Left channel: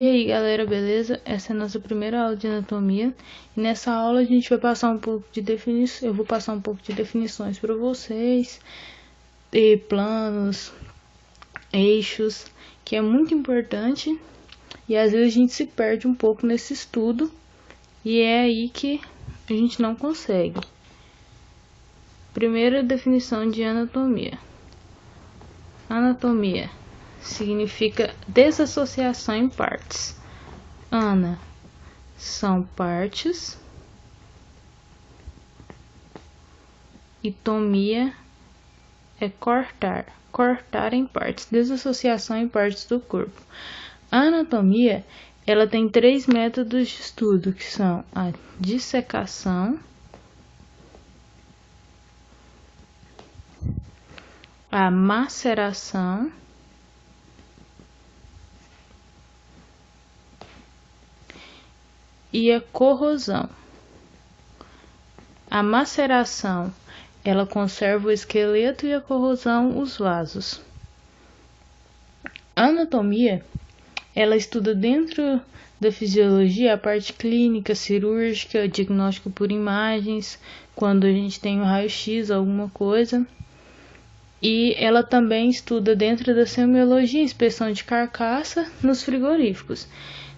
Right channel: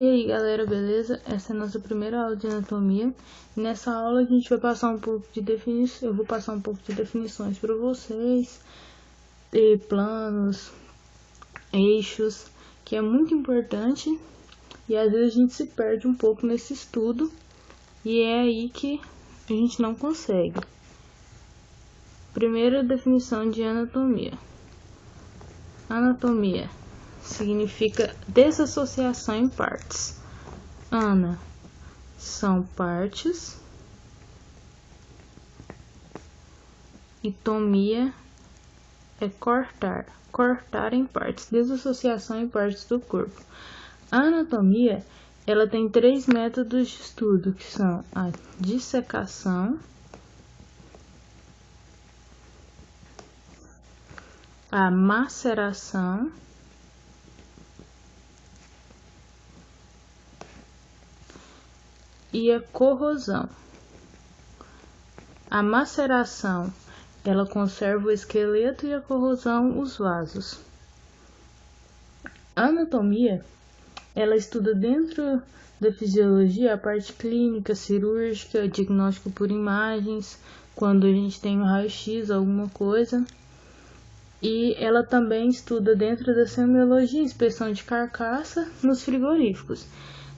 E aí galera, beleza? Essa é a nossa primeira aula de anatomia e nessa aula a gente vai passar um pouco de definições, eu vou passar um pouco de definições para vocês, de planos, eixos, que é muito importante e às vezes a gente se perde um pouco nesse estudo e é aí que a gente não consegue. Primeira definição de anatomia. Anatomia significa desassociação em partes. Ana são partes e tomia é cortar em partes, desassociação em partes do corpo. A anatomia, ela tem 3 métodos de estudo, que são a dissecação, a maceração e a corrosão. A maceração, ela conserva o esqueleto e a corrosão, os vasos. A anatomia, ela estuda dentro da fisiologia a parte clínica, cirúrgica, diagnóstico por imagens, quando a gente tem um raio-x, alguma coisa. E ela também estuda dentro da semiologia, inspeção de carcaça nos frigoríficos.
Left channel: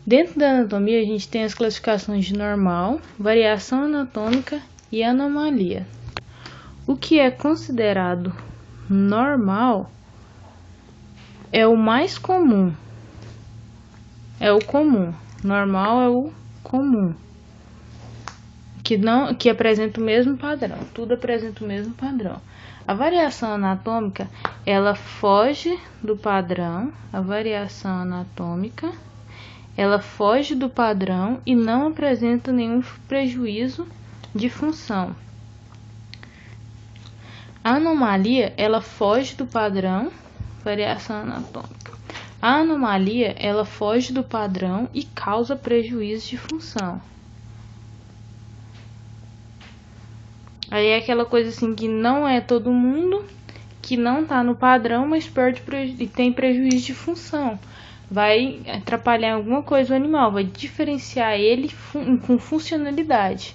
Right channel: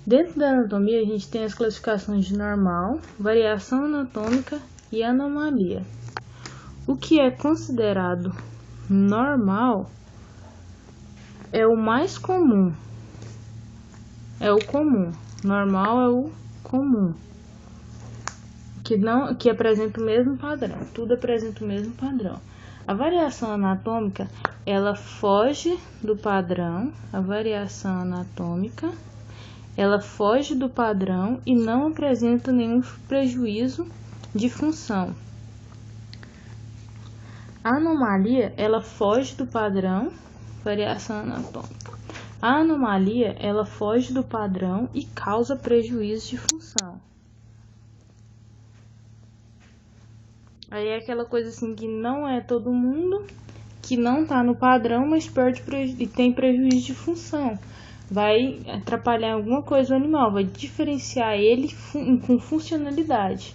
Dentro da anatomia, a gente tem as classificações de normal, variação anatômica e anomalia. O que é considerado normal é o mais comum. É o comum. Normal é o comum. Que apresenta o mesmo padrão. Tudo apresenta o mesmo padrão. A variação anatômica, ela foge do padrão. A variação anatômica, ela foge do padrão e não apresenta nenhum prejuízo de função. A anomalia, ela foge do padrão, variação anatômica. A anomalia, ela foge do padrão e causa prejuízo de função. Aí é aquela coisa assim que não é todo mundo, que não tá no padrão, mas e tem prejuízo de função. Vai atrapalhar alguma coisa o animal, vai diferenciar ele com funcionalidade.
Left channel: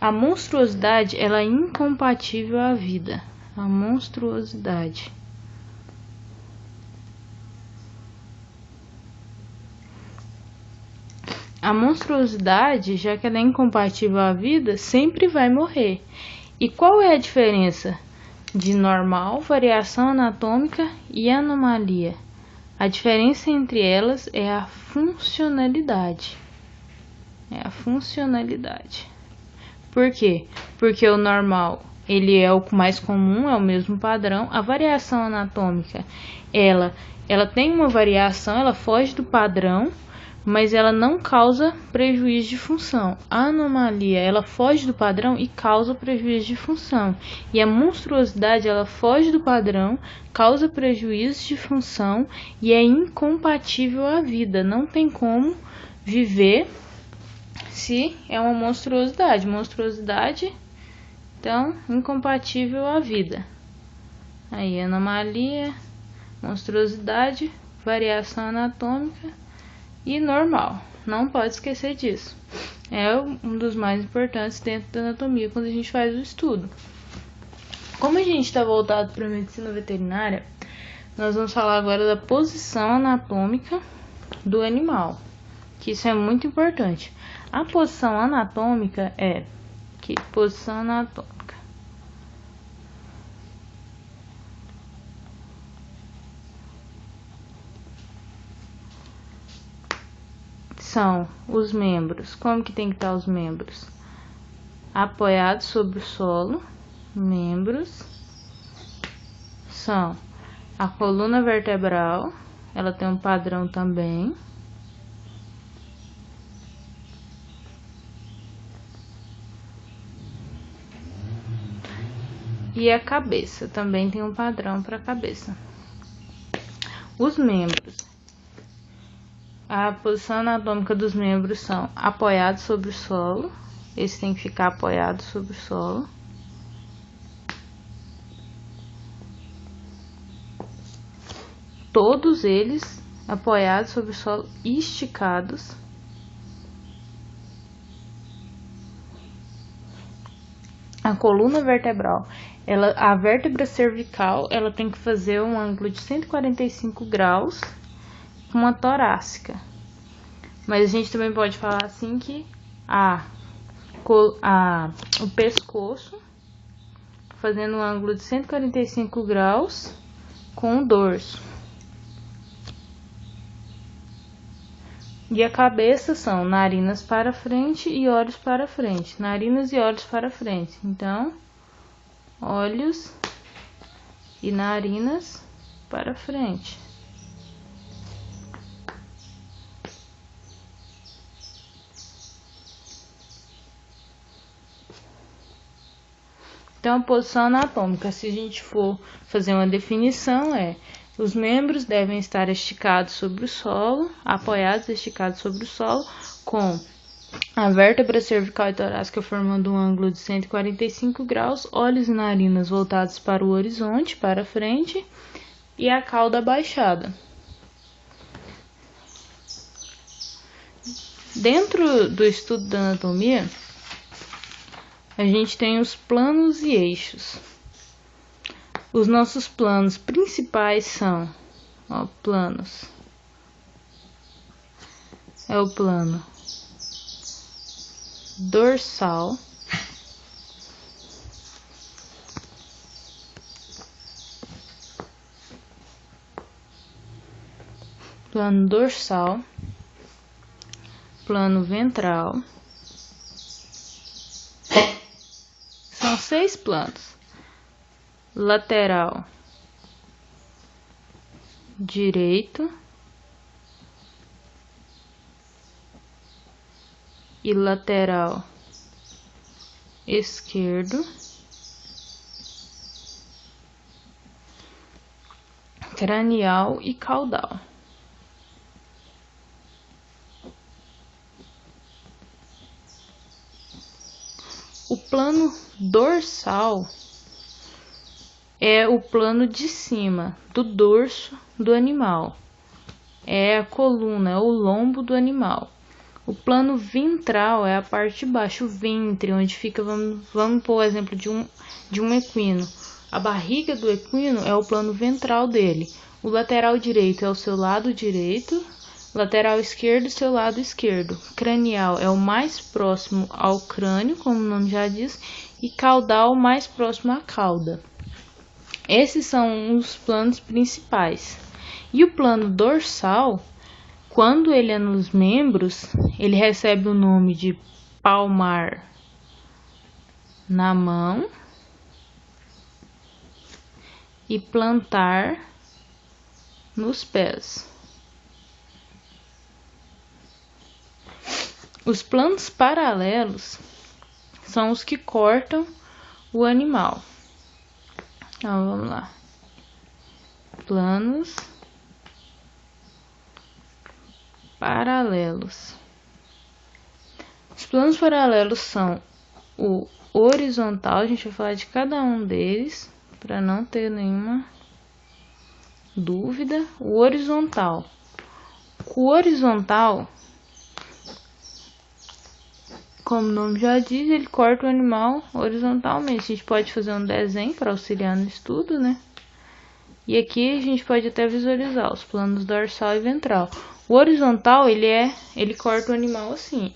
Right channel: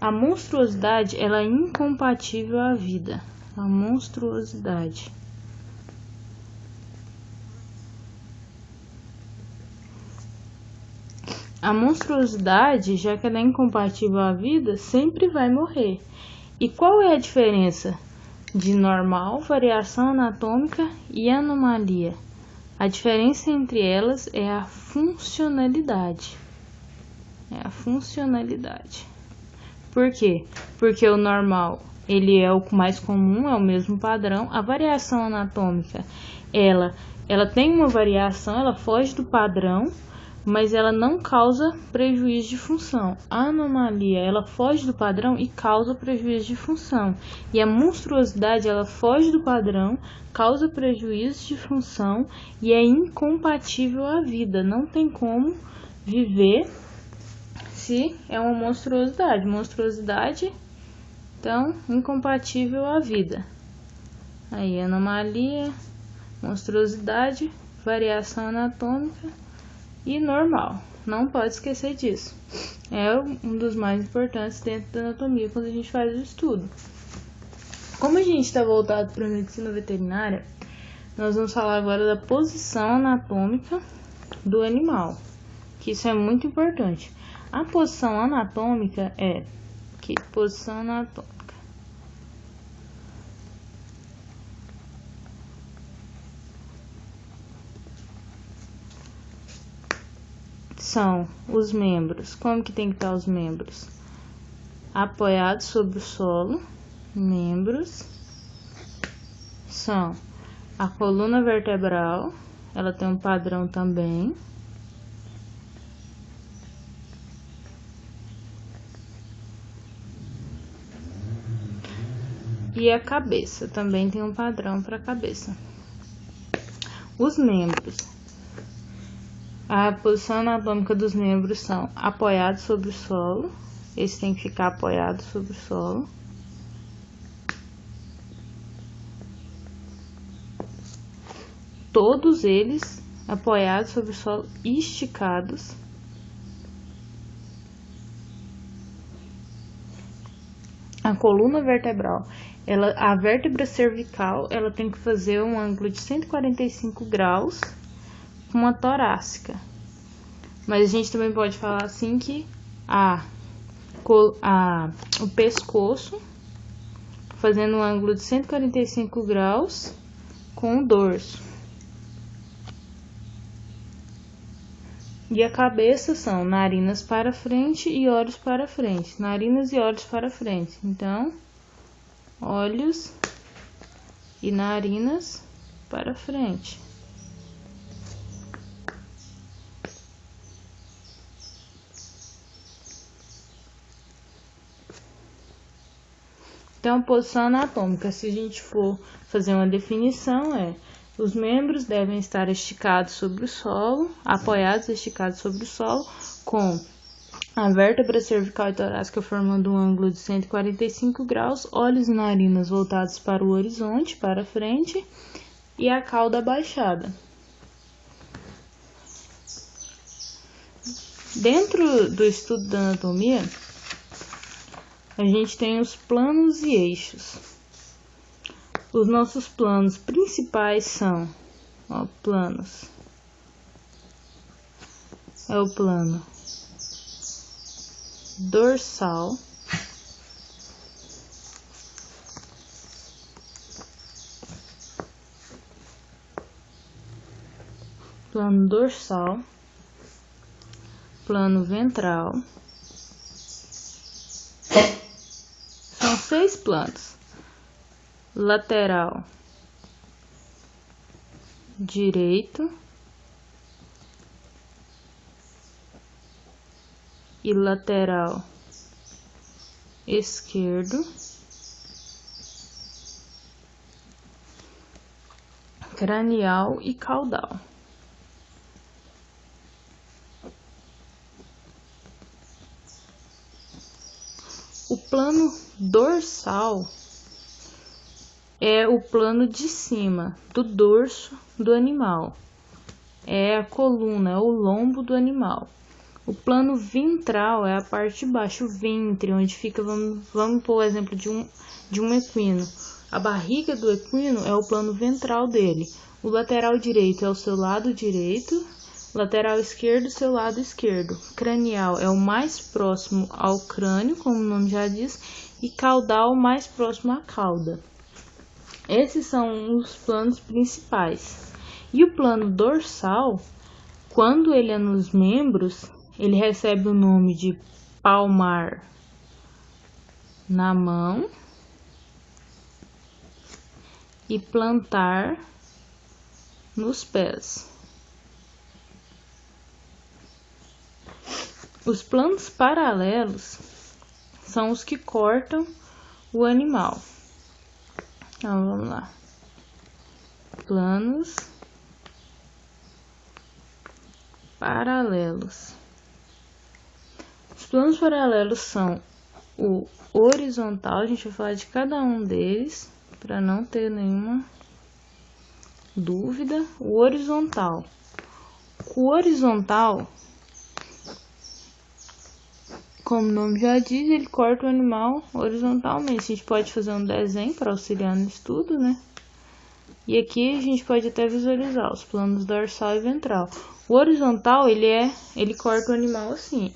A monstruosidade, ela é incompatível à vida. A monstruosidade. A monstruosidade, já que ela é incompatível à vida, sempre vai morrer. E qual é a diferença de normal, variação anatômica e anomalia? A diferença entre elas é a funcionalidade. É a funcionalidade. Por quê? Porque o normal, ele é o mais comum, é o mesmo padrão. A variação anatômica, ela tem uma variação, ela foge do padrão, mas ela não causa prejuízo de função. A anomalia, ela foge do padrão e causa prejuízo de função. E a monstruosidade, ela foge do padrão, causa prejuízo de função e é incompatível à vida. Não tem como viver se é uma monstruosidade. Monstruosidade, então, incompatível à vida. Aí, anomalia, monstruosidade, variação anatômica e normal. Não pode esquecer disso. É um dos mais importantes dentro da anatomia quando a gente faz o estudo. Como a gente está voltado para a medicina veterinária, nós vamos falar agora da posição anatômica do animal, que isso é muito importante. A posição anatômica é posição anatômica são os membros. Como que tem que estar os membros? Apoiados sobre o solo. Membros são a coluna vertebral, ela tem um padrão também. E a cabeça também tem um padrão para a cabeça. Os membros. A posição anatômica dos membros são apoiados sobre o solo. Esse tem que ficar apoiado sobre o solo. Todos eles apoiados sobre o solo e esticados. A coluna vertebral, a vértebra cervical, ela tem que fazer um ângulo de 145 graus com uma torácica. Mas a gente também pode falar assim que o pescoço fazendo um ângulo de 145 graus com o dorso. E a cabeça são narinas para frente e olhos para frente. Narinas e olhos para frente. Então, olhos e narinas para frente. Então, a posição anatômica, se a gente for fazer uma definição, os membros devem estar esticados sobre o solo, apoiados e esticados sobre o solo, com a vértebra cervical e torácica formando um ângulo de 145 graus, olhos e narinas voltados para o horizonte, para frente, e a cauda abaixada. Dentro do estudo da anatomia, a gente tem os planos e eixos. Os nossos planos principais são, planos. É o plano dorsal, plano ventral. São 6 planos: lateral direito e lateral esquerdo, cranial e caudal. O plano dorsal é o plano de cima do dorso do animal. É a coluna, é o lombo do animal. O plano ventral é a parte de baixo, o ventre, onde fica, vamos pôr o exemplo de um equino. A barriga do equino é o plano ventral dele. O lateral direito é o seu lado direito, lateral esquerdo, seu lado esquerdo. Cranial é o mais próximo ao crânio, como o nome já diz, e caudal mais próximo à cauda. Esses são os planos principais. E o plano dorsal, quando ele é nos membros, ele recebe o nome de palmar na mão e plantar nos pés. Os planos paralelos são os que cortam o animal. Então, vamos lá. Planos paralelos. Os planos paralelos são o horizontal, a gente vai falar de cada um deles, para não ter nenhuma dúvida. O horizontal. O horizontal, como o nome já diz, ele corta o animal horizontalmente. A gente pode fazer um desenho para auxiliar no estudo, né? E aqui a gente pode até visualizar os planos dorsal e ventral. O horizontal, ele corta o animal assim.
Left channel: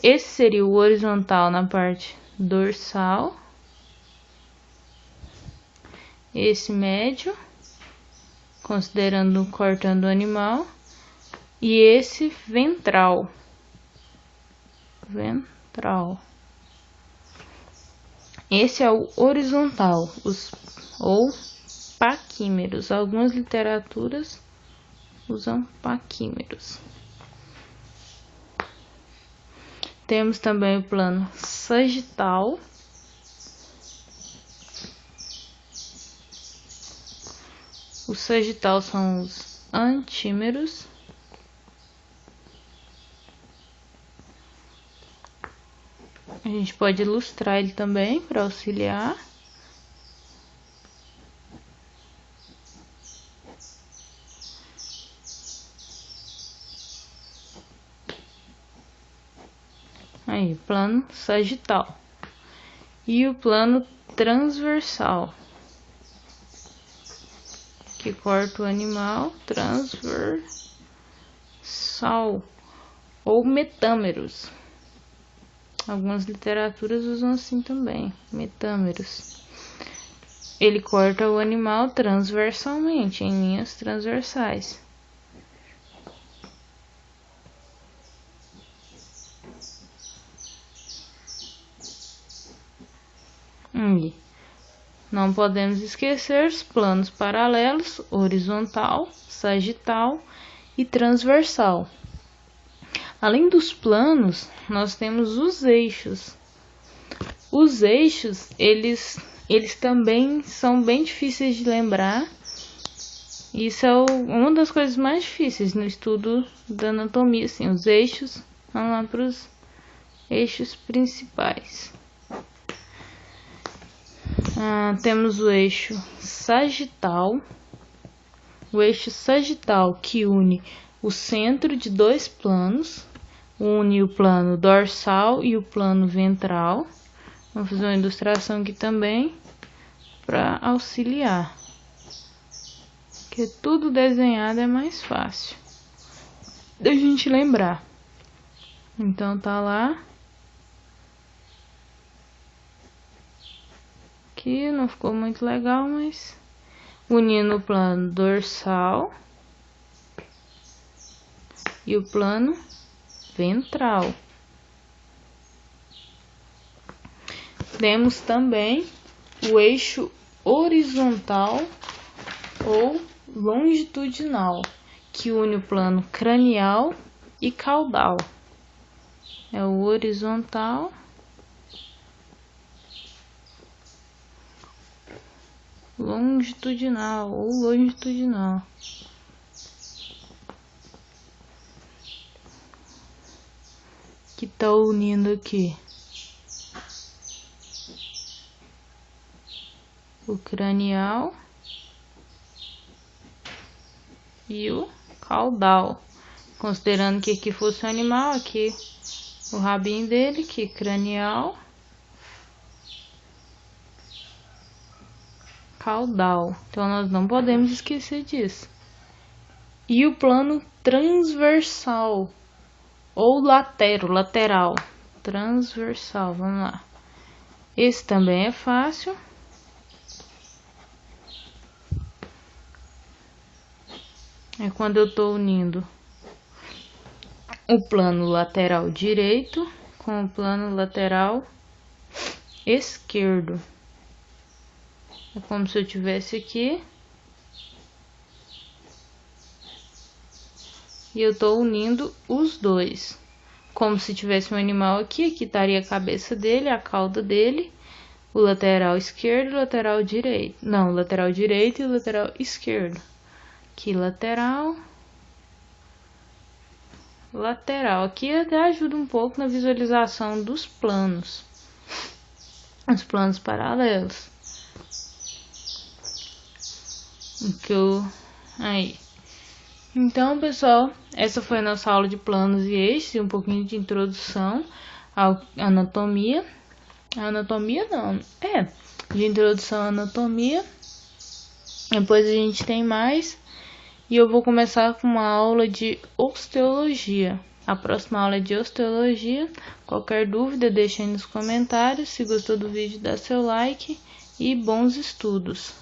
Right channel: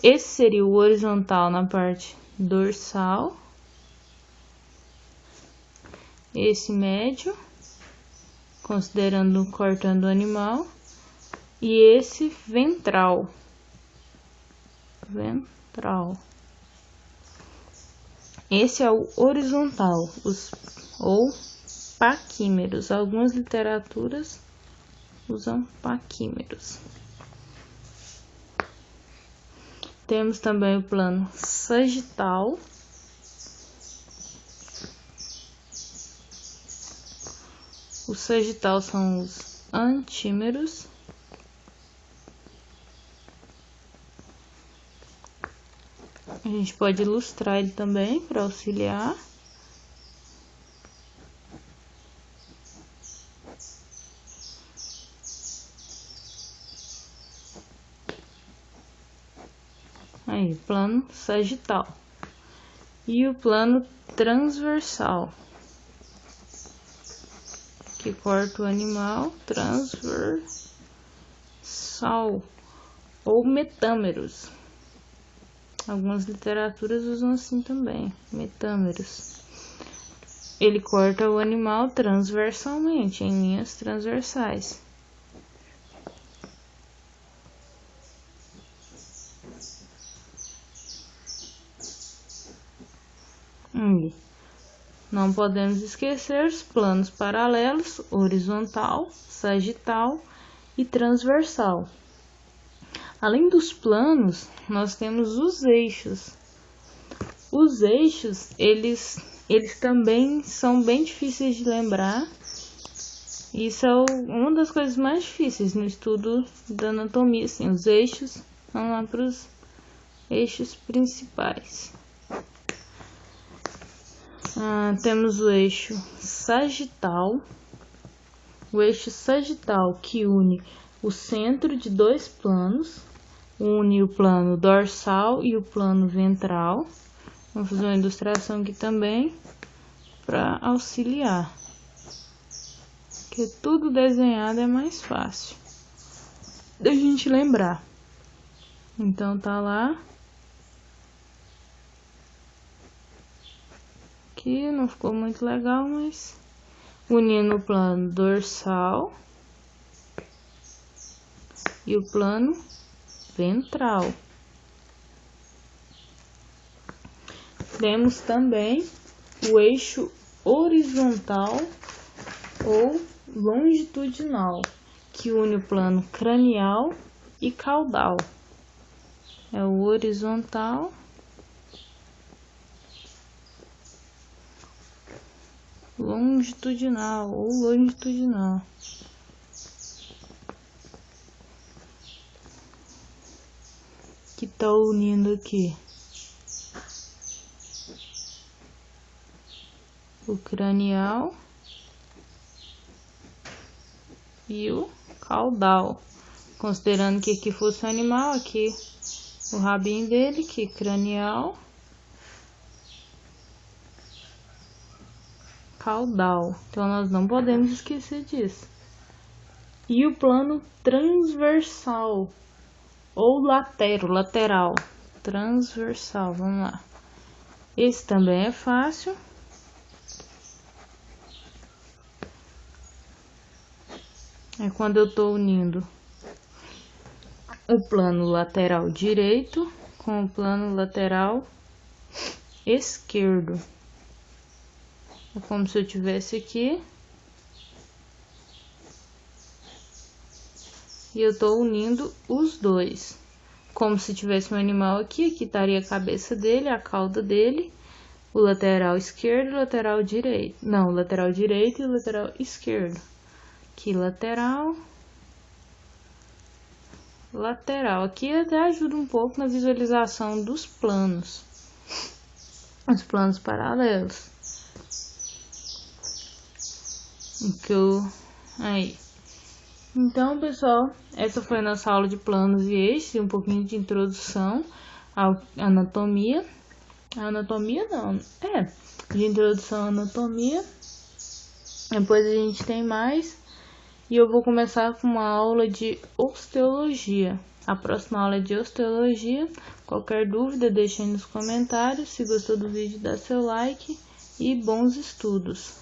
Esse seria o horizontal na parte dorsal. Esse médio, considerando cortando o animal. E esse ventral. Esse é o horizontal, ou paquímeros. Algumas literaturas usam paquímeros. Temos também o plano sagital. O sagital são os antímeros. A gente pode ilustrar ele também para auxiliar. Aí, plano sagital. E o plano transversal, que corta o animal, transversal, ou metâmeros. Algumas literaturas usam assim também, metâmeros. Ele corta o animal transversalmente, em linhas transversais. E não podemos esquecer os planos paralelos, horizontal, sagital e transversal. Além dos planos, nós temos os eixos. Os eixos, eles também são bem difíceis de lembrar. Isso é uma das coisas mais difíceis no estudo da anatomia, assim, os eixos. Vamos lá para os eixos principais. Temos o eixo sagital. O eixo sagital que une o centro de dois planos, une o plano dorsal e o plano ventral. Vou fazer uma ilustração aqui também para auxiliar, porque tudo desenhado é mais fácil da gente lembrar. Então tá lá. Aqui não ficou muito legal, mas unindo o plano dorsal e o plano ventral. Temos também o eixo horizontal ou longitudinal, que une o plano cranial e caudal. É o horizontal longitudinal ou longitudinal. Que tá unindo aqui o cranial e o caudal, considerando que aqui fosse um animal, aqui o rabinho dele, que cranial, caudal. Então nós não podemos esquecer disso. E o plano transversal ou lateral, transversal, vamos lá. Esse também é fácil. É quando eu estou unindo o plano lateral direito com o plano lateral esquerdo. É como se eu tivesse aqui e eu estou unindo os dois. Como se tivesse um animal aqui, aqui estaria a cabeça dele, a cauda dele, o lateral esquerdo e o lateral direito. Não, o lateral direito e o lateral esquerdo. Aqui lateral, lateral. Aqui até ajuda um pouco na visualização dos planos, os planos paralelos. Aí. Então, pessoal, essa foi a nossa aula de planos e eixos e um pouquinho de introdução à anatomia. Anatomia não, de introdução à anatomia. Depois a gente tem mais. E eu vou começar com uma aula de osteologia. A próxima aula é de osteologia. Qualquer dúvida, deixe aí nos comentários. Se gostou do vídeo, dá seu like e bons estudos.